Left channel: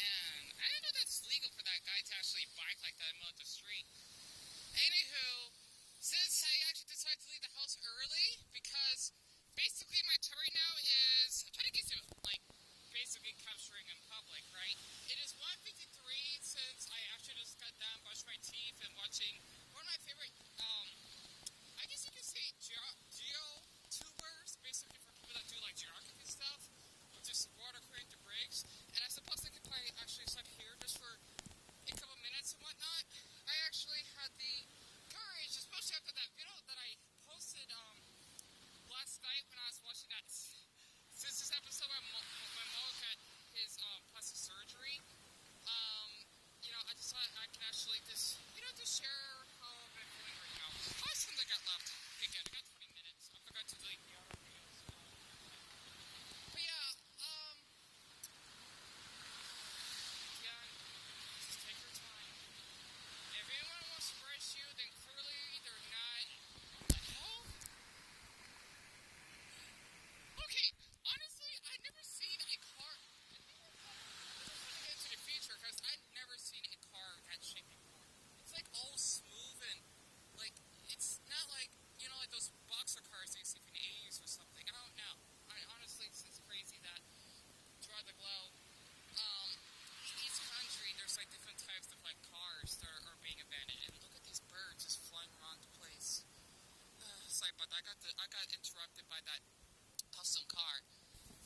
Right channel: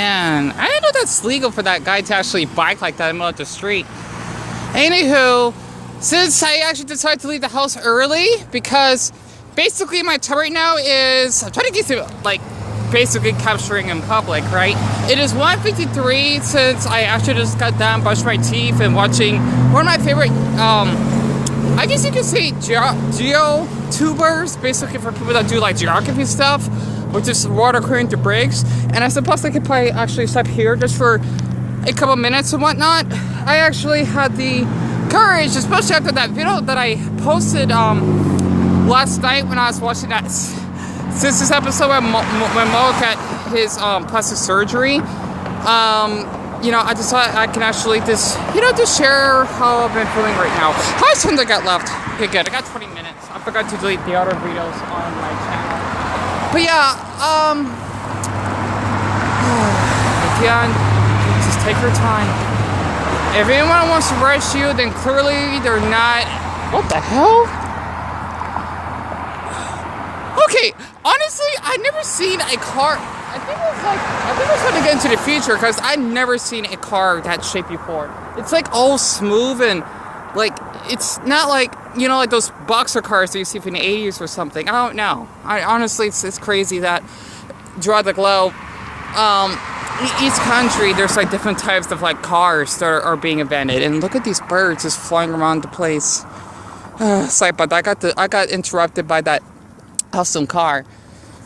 Man, I didn't know that's legal for that guy to actually bike like that in the middle of the street. Anywho, since I actually decided to leave the house early, because basically my time right now is, I'm trying to get to, like, basically capturing in public, right? It is 1:53 since I actually just got done brushing my teeth and watching one of my favorite, I guess you could say geo-tubers, basically for people that do like geography stuff, which is water according to breaks. And I suppose I could probably actually stop here just for a couple minutes and whatnot. I actually had the courage, especially after that video that I posted last night when I was watching that this episode when Mo got his plastic surgery. You know, I decided I can actually just, you know, just share how I've been feeling right now. How much time do I got left? Okay, good. I got 20 minutes. I forgot to delete the other videos on my channel. But yeah, Deon, just take your time. If anyone wants to rush you, then clearly they're not. What the hell? Okay, honestly, I've never seen a car. I think it's going to get into the future because I've never seen a car that shape before. It's like all smooth and like it's not like, you know, like those boxer cars that you see from the 80s or something. I don't know. Honestly, it's crazy that throughout the globe, each country there's like different types of like cars that are being invented. And look at these birds just flying around the place. Sorry about that. I got interrupted by that awesome car.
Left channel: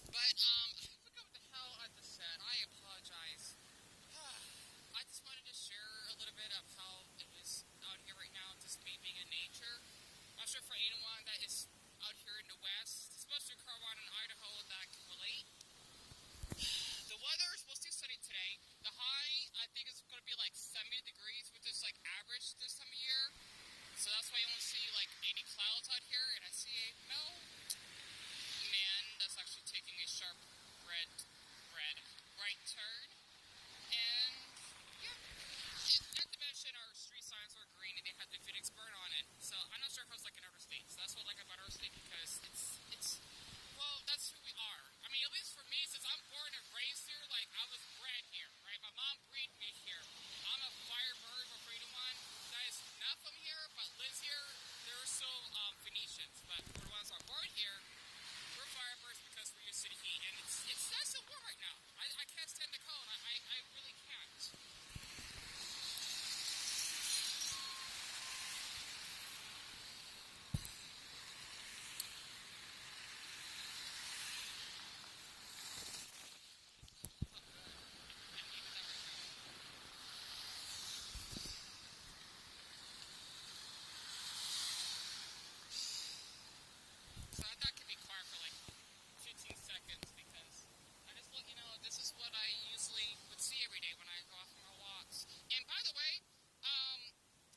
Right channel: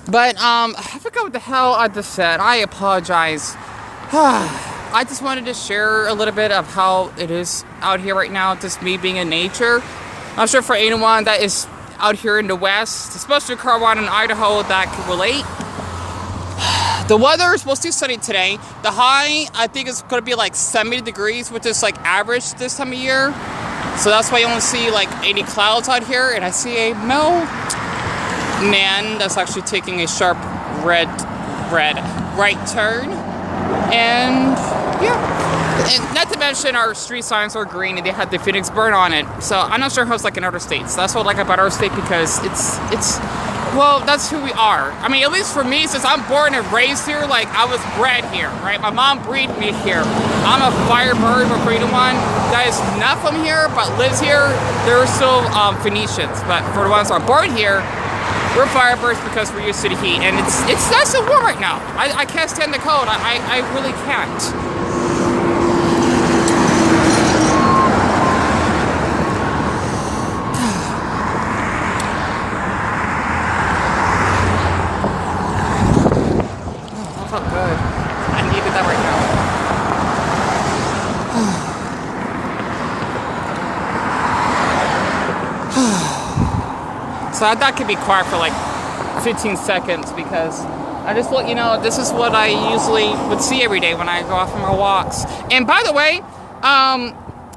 But I forgot what the hell I just said. I apologize. I just wanted to share a little bit of how it is out here right now, just me being in nature. I'm sure for anyone that is out here in the West, especially Carolina and Idaho, that can relate. The weather is mostly sunny today. The high, I think, is going to be like 70 degrees, which is like average this time of year. So that's why you only see like 80 clouds out here. And I see a male man that's actually taking a sharp right turn. And yeah, and not to mention our street signs are green and they had the Phoenix burn on it. So I'm not sure how it's like in other states. That's what I like about our state, because it's well, that's who we are. I mean, at least for me, since I'm born and raised here, like I was bred here, right? My mom breeded me here. I'm a Firebird for anyone that is not from here but lives here. They're still Phoenicians, but for the ones that are born here, we're Firebirds because we're used to the heat, and it's nice and warm right now. I can't stand the cold. I really can't. Oh, that felt good. I needed that right now. So I thought I could be quiet for like 15 seconds because I just let you know this is what I usually would see every day when I go off on my walks. And by the way,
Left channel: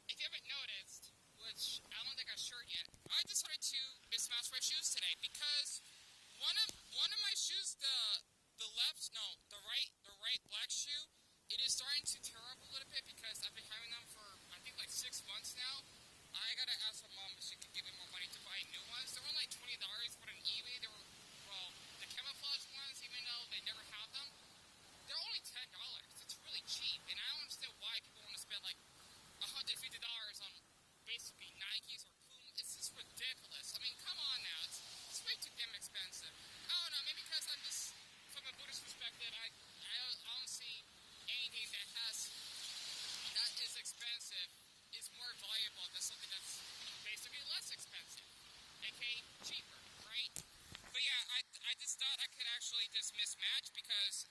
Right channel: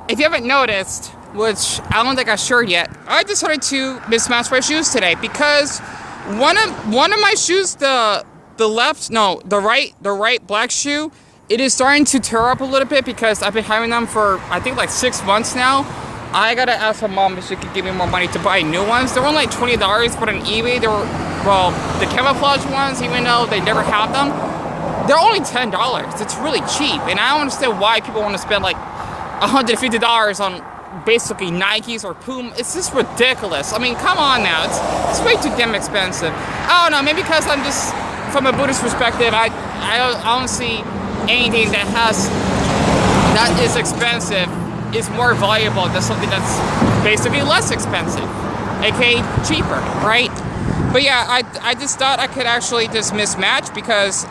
if you haven't noticed, which I don't think I shared yet, I decided to mismatch my shoes today because one of my shoes, the right black shoe, it is starting to tear up a little bit because I've been having them for I think like 6 months now. I gotta ask my mom if she could give me more money to buy new ones. They're only like $20, but on eBay they were, well, the camouflage ones, even though they never have them, they're only $10. It's really cheap, and I don't understand why people want to spend like $150 on basically Nikes or Puma. It's just ridiculous. I mean, come on now, it's way too damn expensive. I don't know, maybe because I'm just, from a Buddhist perspective, I don't see anything that is expensive is more valuable than something that's basically less expensive, aka cheaper, right? But yeah, I just thought I could actually just mismatch because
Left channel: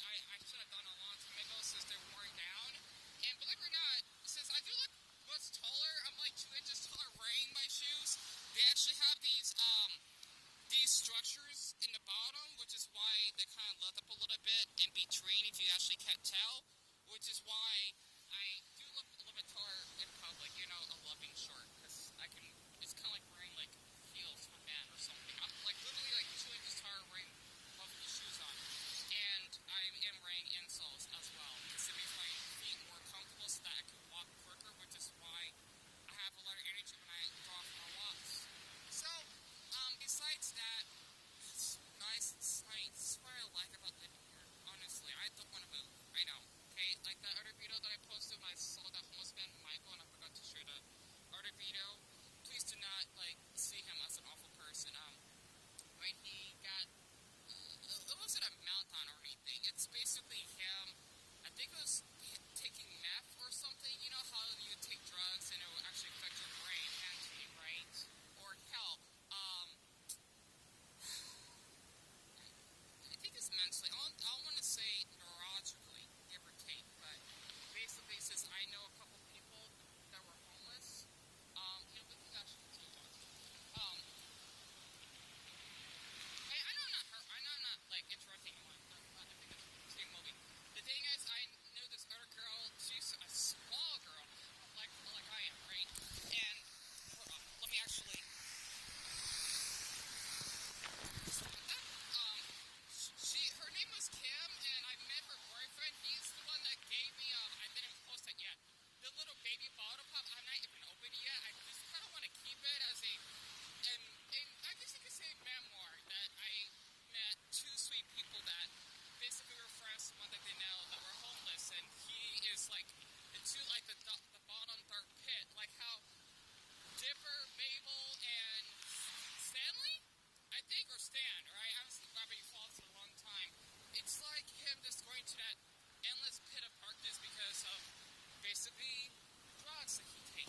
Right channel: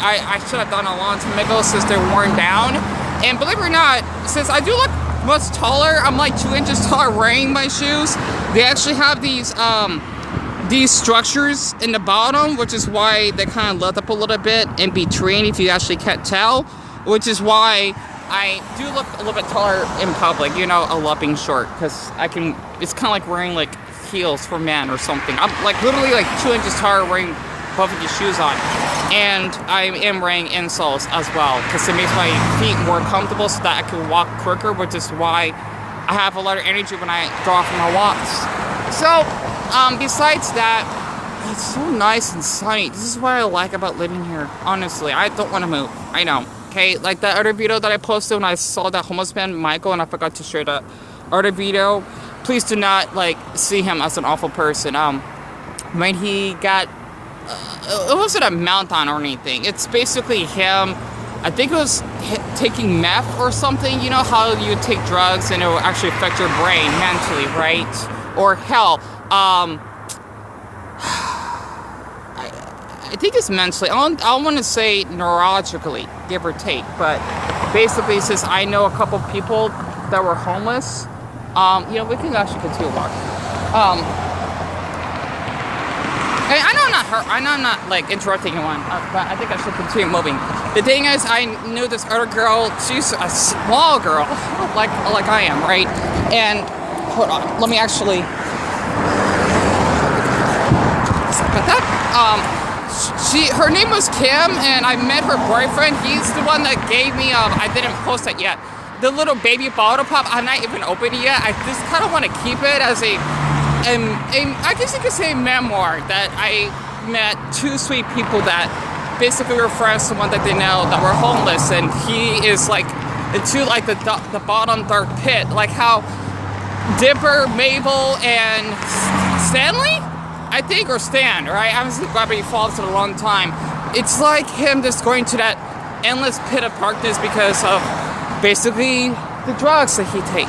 I should have done a long time ago since they're worn down. And believe it or not, since I do look much taller, I'm like 2 inches taller wearing my shoes. They actually have these structures in the bottom, which is why they kind of let up a little bit in between if you actually can't tell, which is why I do look a little bit taller in public, you know, a lumping short, because it's kind of like wearing like heels for men or something. I'm like literally like 2 inches taller wearing both of these shoes on. And I am wearing insoles as well, because it makes my feet more comfortable so that I can walk quicker, which is why I have a lot of energy when I go off on my walks. So, besides that, it's so nice and sunny. This is what I like about living here. Honestly, I don't want to move. I know. Okay, like that other video that I posted when I saw that homeless man Michael, and I forgot to share that other video. Please do not like see him as an awful person. When he got, it wasn't a meltdown or anything. It's basically him. I think it was taking meth or something. You know how you take drugs and it will actually affect your brain mentally, right? Or hell, I think it's mentally. I want to say neurologically, give or take. But basically, it says I know a couple people that were homeless. You know, we can actually continue walking. I know I'm not like interrupting anyone, but I think I should continue moving. The thing is, I knew this other girl. She's a small girl, like I am, right? And hold on, let me actually. But that her name was Kim, and I met her boyfriend. He's the one that gave me. I didn't post it yet. The little baby bottle pop. I'm not even opened it yet. I just kind of want to keep it as a I guess you could say memoir that I met two sweet people that basically were friends to one that they know that were homeless, and he is like into like the bottom dark pit, like how Dipper, Mabel, and Stanley, I think, or Stan, right? I haven't seen Gravity Falls in a long time. It's like him just going to that endless pit of darkness because of basically the drugs that he take,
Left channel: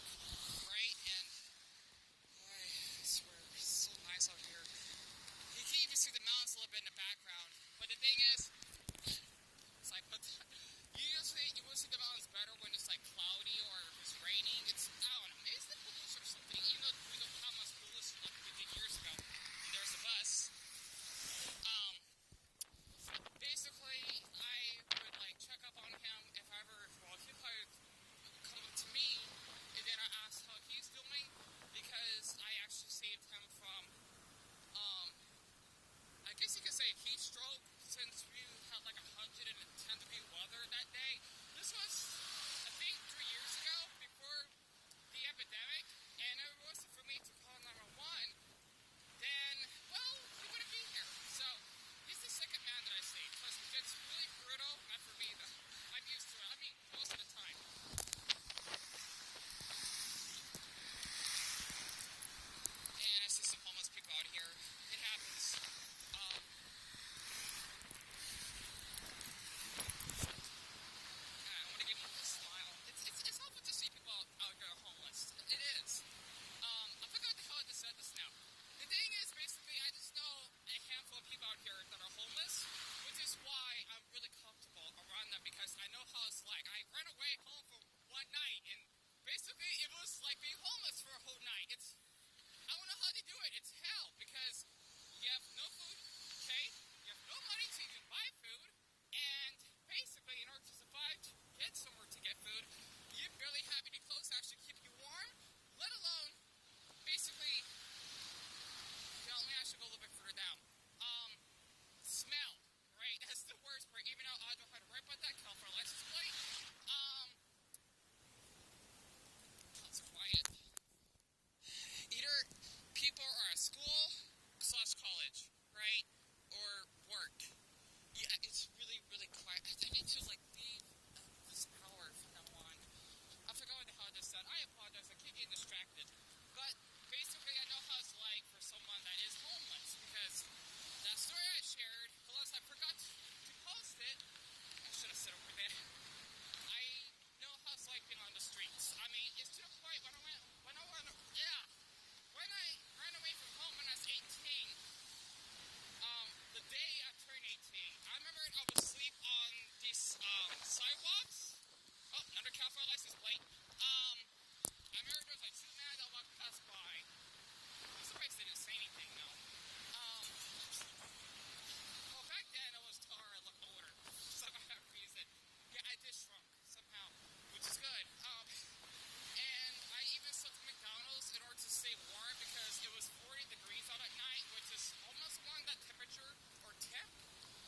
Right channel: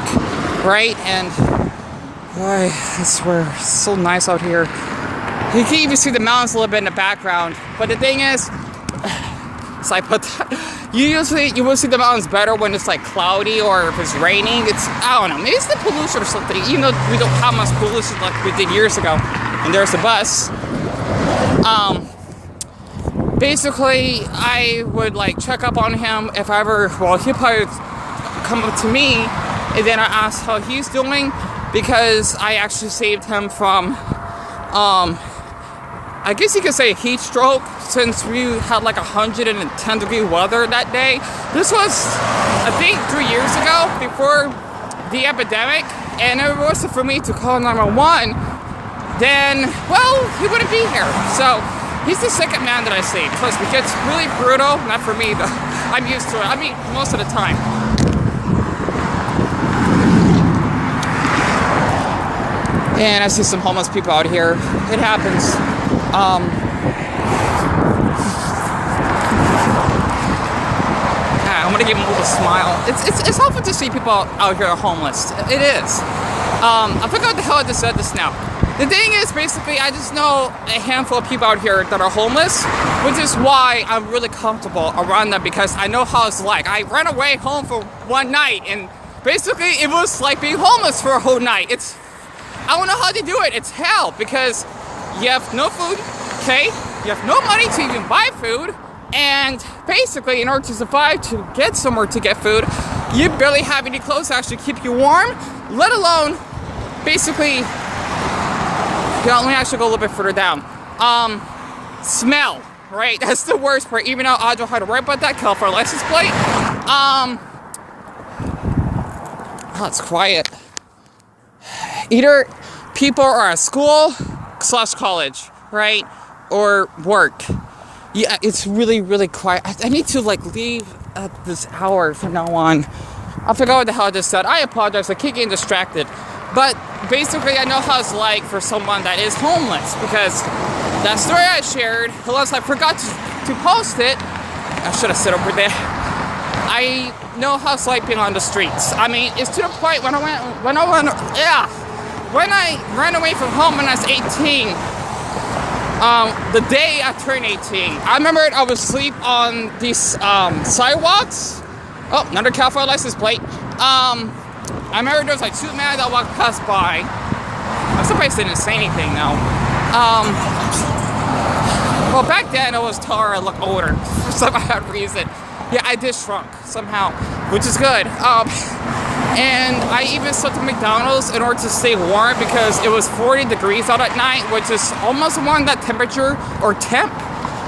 right? And boy, I swear, it's so nice out here. You can even see the mountains a little bit in the background. But the thing is, so I put that, you will see the mountains better when it's like cloudy or if it's raining. It's, I don't know, maybe it's the pollution or something. You know, we don't have much pollution like we did years ago. And there's the bus. Basically, I would like check up on him if I ever, well, he'd probably come up to me, and then I asked how he's doing, because I actually saved him from, I guess you could say heat stroke, since we had like 110-degree weather that day. This was, I think, 3 years ago, before the epidemic, and if it wasn't for me to call 911, then, well, he wouldn't be here. So he's the second man that I saved. Trust me, it's really brutal. Not for me, though. I'm used to it. I mean, most of the time. And I see some homeless people out here. It happens. I'm gonna give them a little smile. It's helpful to see people out here homeless. It is. I forgot what the hell I just said this now. The thing is, basically, I just know a handful of people out here that are homeless, which is why I'm really comfortable around them, because I know how it's like. I ran away home for one night, and basically it was like being homeless for a whole night. I don't know how they do it. It's hell, because you have no food, okay? You have no money to even buy food, and basically, in order to survive, to get somewhere to get food, you barely have any clothes to actually keep you warm, let alone, basically, let me actually go a little bit further down. Smell, right? That's the worst part. Even though Audra had to worry about that California license plate. Oh, it's quiet. Either people are at school / college, right? Or work. Yeah, it's really, really quiet. I need to like leave at this hour from now on. I forgot what the hell I just said. I apologize. I keep getting distracted. But basically, I know how it's like for someone that is homeless, because that story I shared, unless I forgot to post it, I should have said over there. I know how it's like being on the streets. I mean, it's to the point when I ran away from home when I was 18. The day I turned 18, I remember I would sleep on these sidewalks. Oh, another California license plate. I remember there was like two men that walked past by. I'm surprised they didn't say anything though. Well, back then I was taller, I looked older for some odd reason. Yeah, I did shrunk somehow, which is good. And I even slept at McDonald's in order to stay warm, because it was 40 degrees out at night, which is almost around that temperature or temp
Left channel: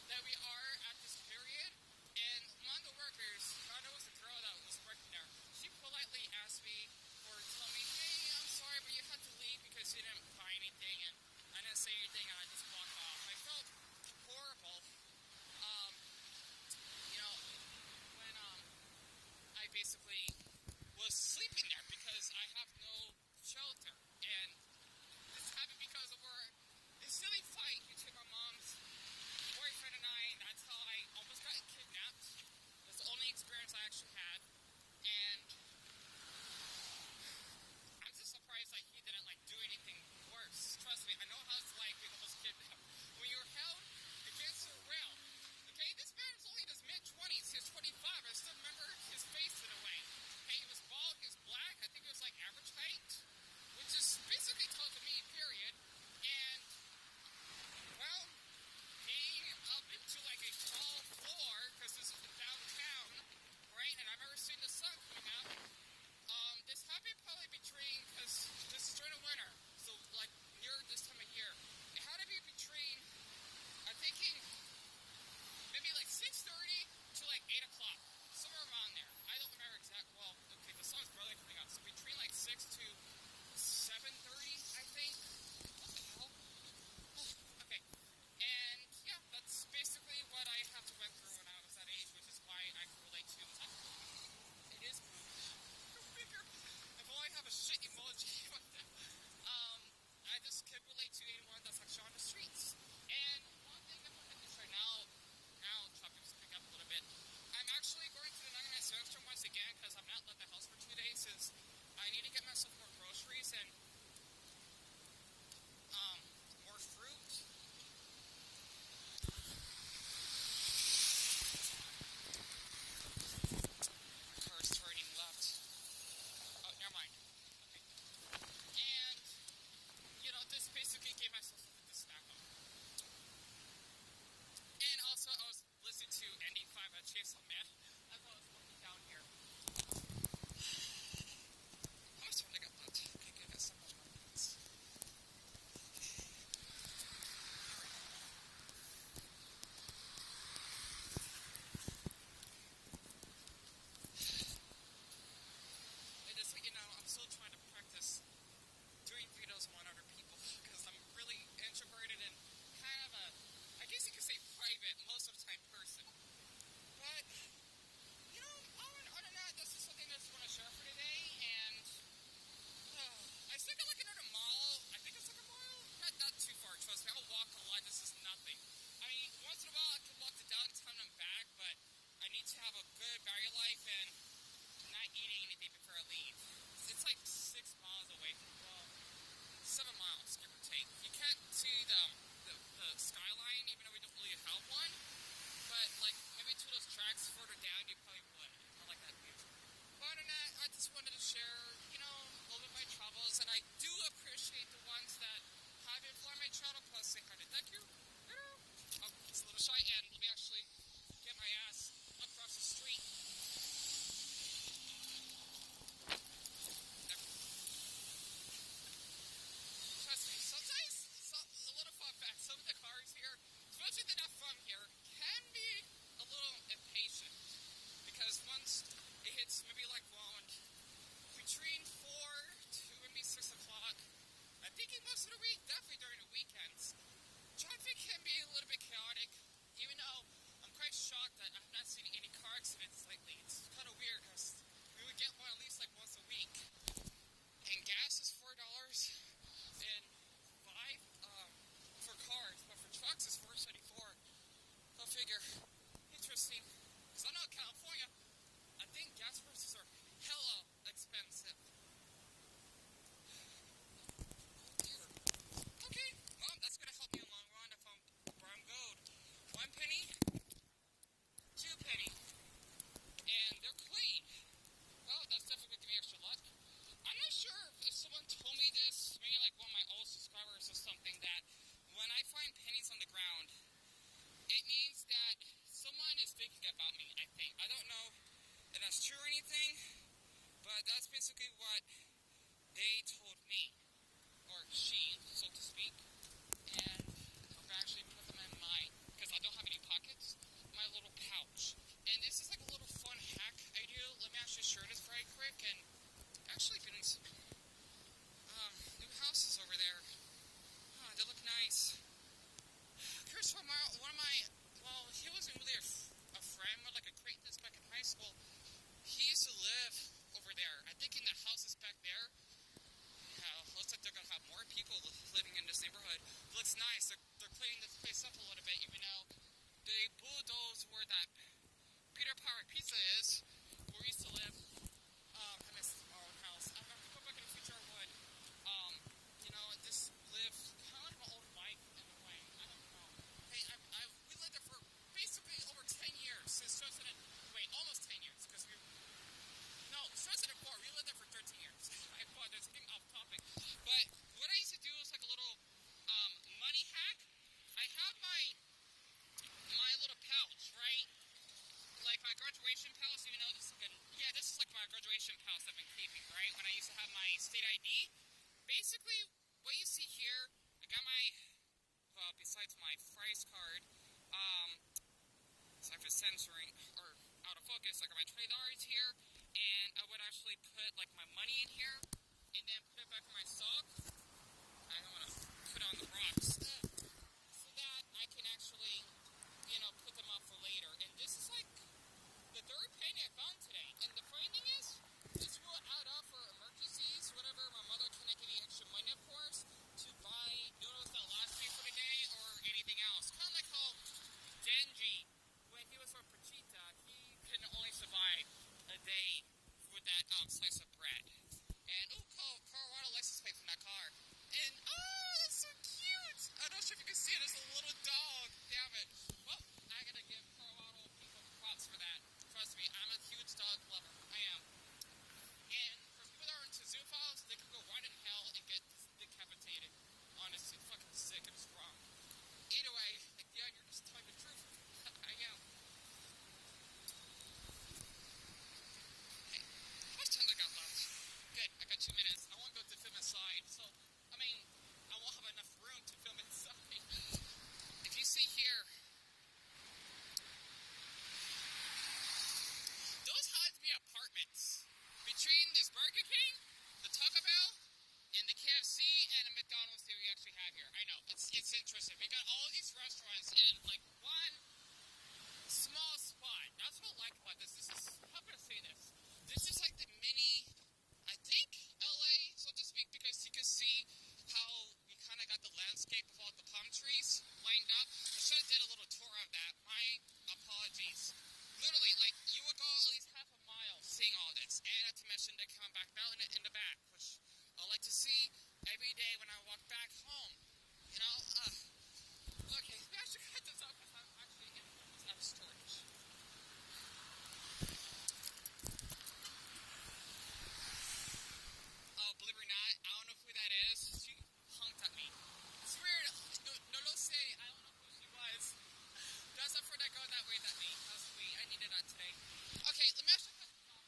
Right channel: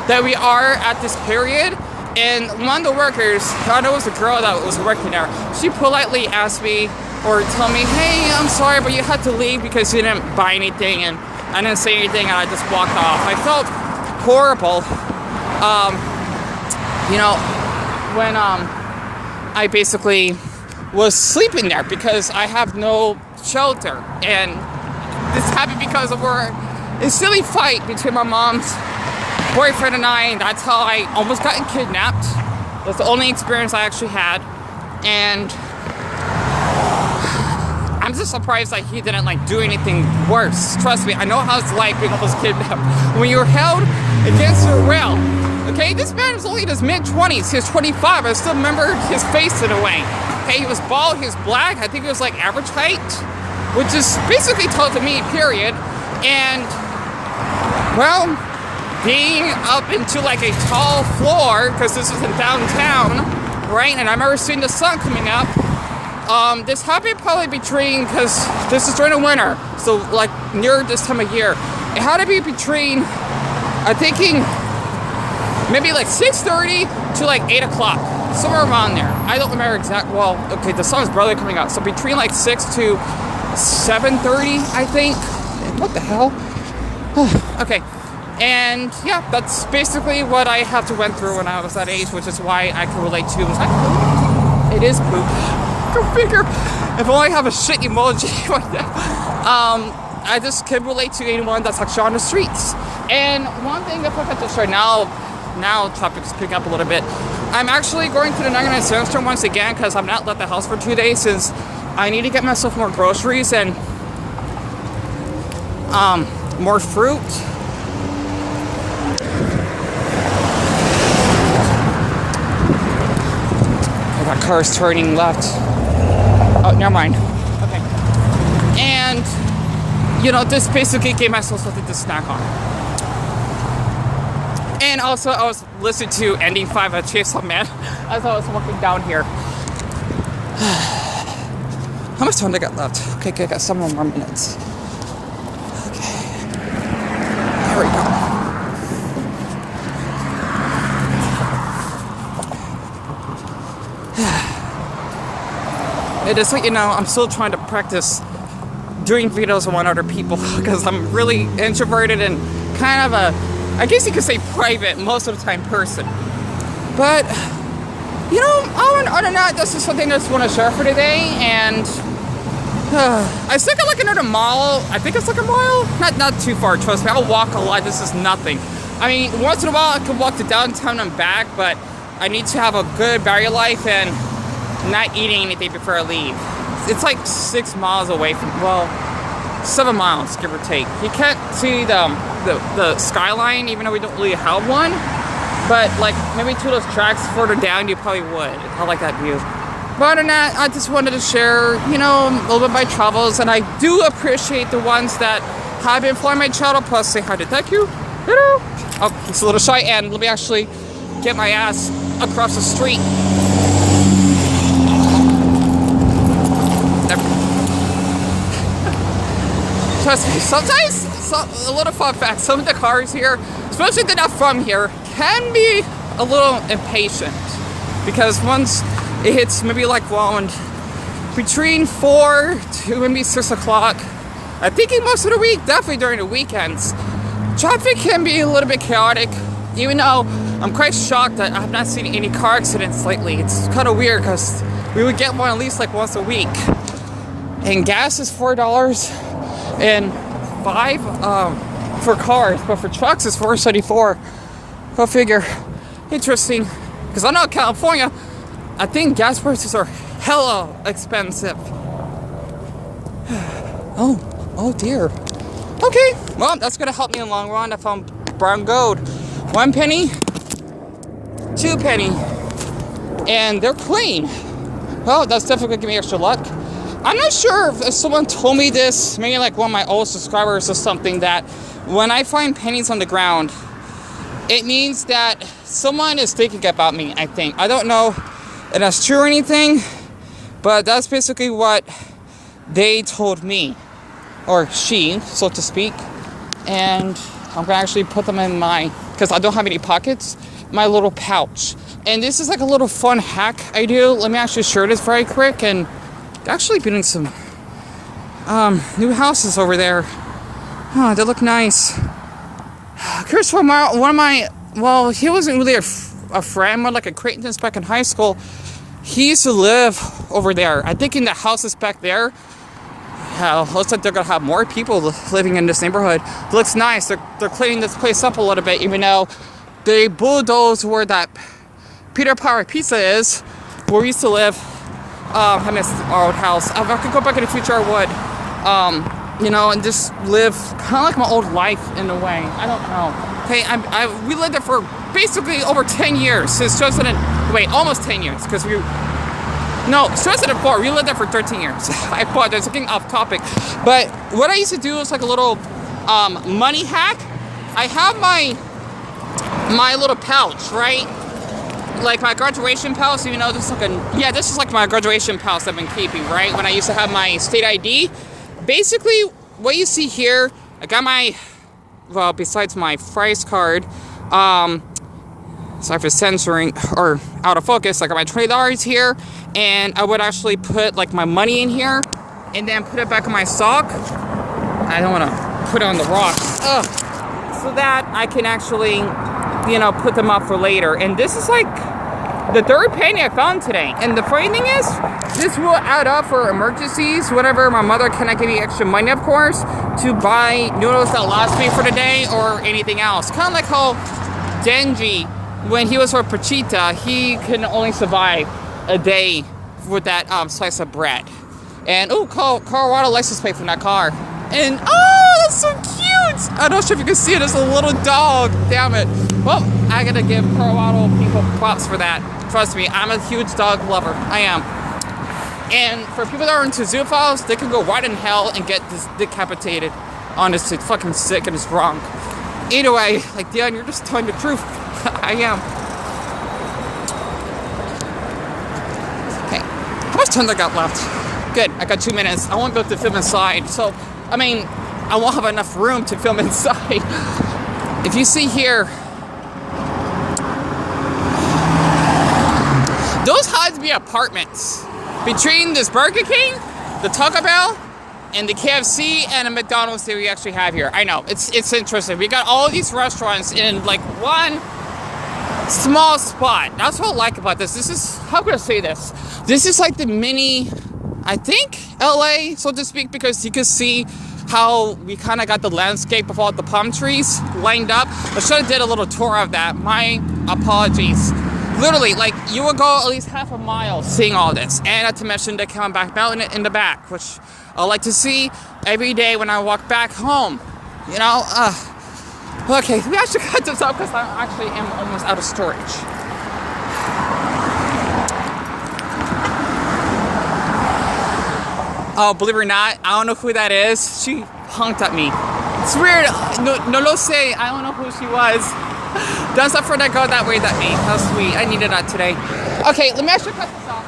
that we are at this period. And one of the workers, I know it was a girl that was working there, she politely asked me or told me, hey, I'm sorry, but you had to leave because you didn't buy anything. And I didn't say anything, and I just walked off. I felt horrible, you know, when I basically was sleeping there because I have no shelter. And this happened because of a silly fight between my mom's boyfriend and I, and that's how I almost got kidnapped. That's the only experience I actually had. And I'm just surprised that he didn't like do anything worse. Trust me, I know how it's like being almost kidnapped. When you're held against your will. Okay, this man is only in his mid-20s. He was 25. I still remember his face in a way. Okay, he was bald, he was black. I think he was like average height, which is basically tall to me, period. And, well, being up into like a tall floor, because this is in downtown, right? And I remember seeing the sun coming up. This happened probably between, because this is during the winter, so like near this time of year. It had to be between, I'm thinking, maybe like 6:30 to like 8 o'clock, somewhere around there. I don't remember exact. Well, okay, the sun's barely coming out, so between like 6 to 7:30, I think. What the hell? Okay, and yeah, that's basically what I have to went through when I was that age, which is why I can relate to. Was that poop? It is poop. Go figure. If only I have a shit emoji like that. I just can relate to anyone that's actually on the streets. And one thing that I to share now traffic's picking up a little bit. I'm actually going to the 99-cent store once again because I've not left the house for 2 days since I need to get myself more groceries and more fruit. That car's turning left. Oh, never mind. Okay. And, you know, this basically gave myself something to snack on. And also, I was listening to Ending 5 of Chainsaw Man as I was walking down here. How much time do I got left? Okay, I got some more minutes. Okay. There we go. It is, you know, I'm still trying to practice doing videos on other people because I'm really introverted and kind of a, I guess you could say private most of the time person. But, you know, other than that, this is something I just want to share for today. And I still got like another mile. I think it's like a mile. Not too far, trust me. I'll walk a lot. This is nothing. I mean, once in a while I can walk to downtown and back, but I need to have a good battery life and not eating anything before I leave. It's like 6 miles away from, well, 7 miles, give or take. You can't see the skyline, even though we don't really have one. But like maybe 2 of those tracks further down, you probably would. I like that view. But other than that, I just wanted to share, you know, a little bit of my travels, and I do appreciate the ones that have been following my channel. Plus, say hi to thank you. Hello. Oh, it's a little shy, and let me actually get my ass across the street. Trust me, sometimes, a little fun fact, some of the cars here, especially if they're not from here, can be a little impatient. Because once it hits maybe like around between 4 to maybe 6 o'clock, I'm thinking most of the week, definitely during the weekends, traffic can be a little bit chaotic, even though I'm quite shocked that I have not seen any car accidents lately. It's kind of weird because we would get one at least like once a week. And gas is $4 and $5 for cars, but for trucks it's $4.74. Go figure. Interesting. Because I know California, I think gas prices are hella expensive. Oh dear. Okay, well, that's gonna help me in the long run. I found brown gold. 1 penny, 2 penny, and they're clean. Well, that's definitely gonna give me extra luck. I'm not sure if someone told me this, maybe like one of my old subscribers or something, that when I find pennies on the ground, it means that someone is thinking about me, I think. I don't know if that's true or anything, but that's basically what they told me, or she, so to speak. And I'm gonna actually put them in my, because I don't have any pockets, my little pouch. And this is like a little fun hack I do. Let me actually share this very quick. And actually building some new houses over there. Oh, they look nice. Chris, one of my, well, he wasn't really a friend, more like acquaintance back in high school. He used to live over there. I think in the houses back there. Looks like they're gonna have more people living in this neighborhood. It looks nice. They're cleaning this place up a little bit, even though they bulldozed where that Peter Power Pizza is, where we used to live. I miss our old house. If I could go back in the future, I would. You know, and just live kind of like my old life in a way. I don't know. Okay, we lived there for basically over 10 years since 2000. Wait, almost 10 years because we. No, 2004. We lived there for 13 years. I apologize, I'm getting off topic. But what I used to do is like a little money hack. I have my little pouch, right? Like my graduation pouch, even though this is this is like my graduation pouch I've been keeping, right? When I used to have my state ID. Basically, what you see here, I got my, well, besides my Fry's card, sorry for censoring or out of focus, I got my $20 here, and I would actually put like my money in here, and then put it back in my sock. I don't want to put it on the rocks. Ugh. So that I can actually, you know, put them up for later. And this is like the third penny I found today. And the funny thing is, this will add up for emergencies, whatever. My mother cannot give me extra money, of course, to buy noodles that last me for the day or anything else. Kind of like how Denji, when he was with Pachita, he can only survive a day with that slice of bread. And oh, Colorado license plate from that car. And oh, that's so cute! I'm not sure if you can see it. It's a little dog. Damn it. Well, I gotta give Colorado people props for that. Trust me, I'm a huge dog lover. I am. And for people that are into zoophiles, they can go right in hell and get decapitated. Honestly, it's fucking sick and it's wrong. Either way, like Deon, you're just telling the truth. I am. Okay, how much time I got left? Good, I got 2 minutes. I won't be able to film inside, so, I mean, I won't have enough room to film inside. If you see here, those had to be apartments. Between this Burger King, the Taco Bell, and the KFC and the McDonald's that we actually have here. I know, it's interesting. We got all these restaurants in like one small spot. That's what I like about this. This is, how can I say this? This is like the mini, I think, LA, so to speak, because you can see how we kind of got the landscape of all the palm trees lined up. I should have did a little tour of that. My apologies. Literally, like, you would go at least half a mile seeing all this. And not to mention the Camelback Mountain in the back, which I like to see every day when I walk back home. You know, okay, we actually cut this up because I actually am almost out of storage. Oh, believe it or not, I don't know who that is. She honked at me. It's weird. No lo sé. I don't know who she was. Don't stop for that girl that waved at me. How sweet. I needed that today. Okay, let me actually cut this off.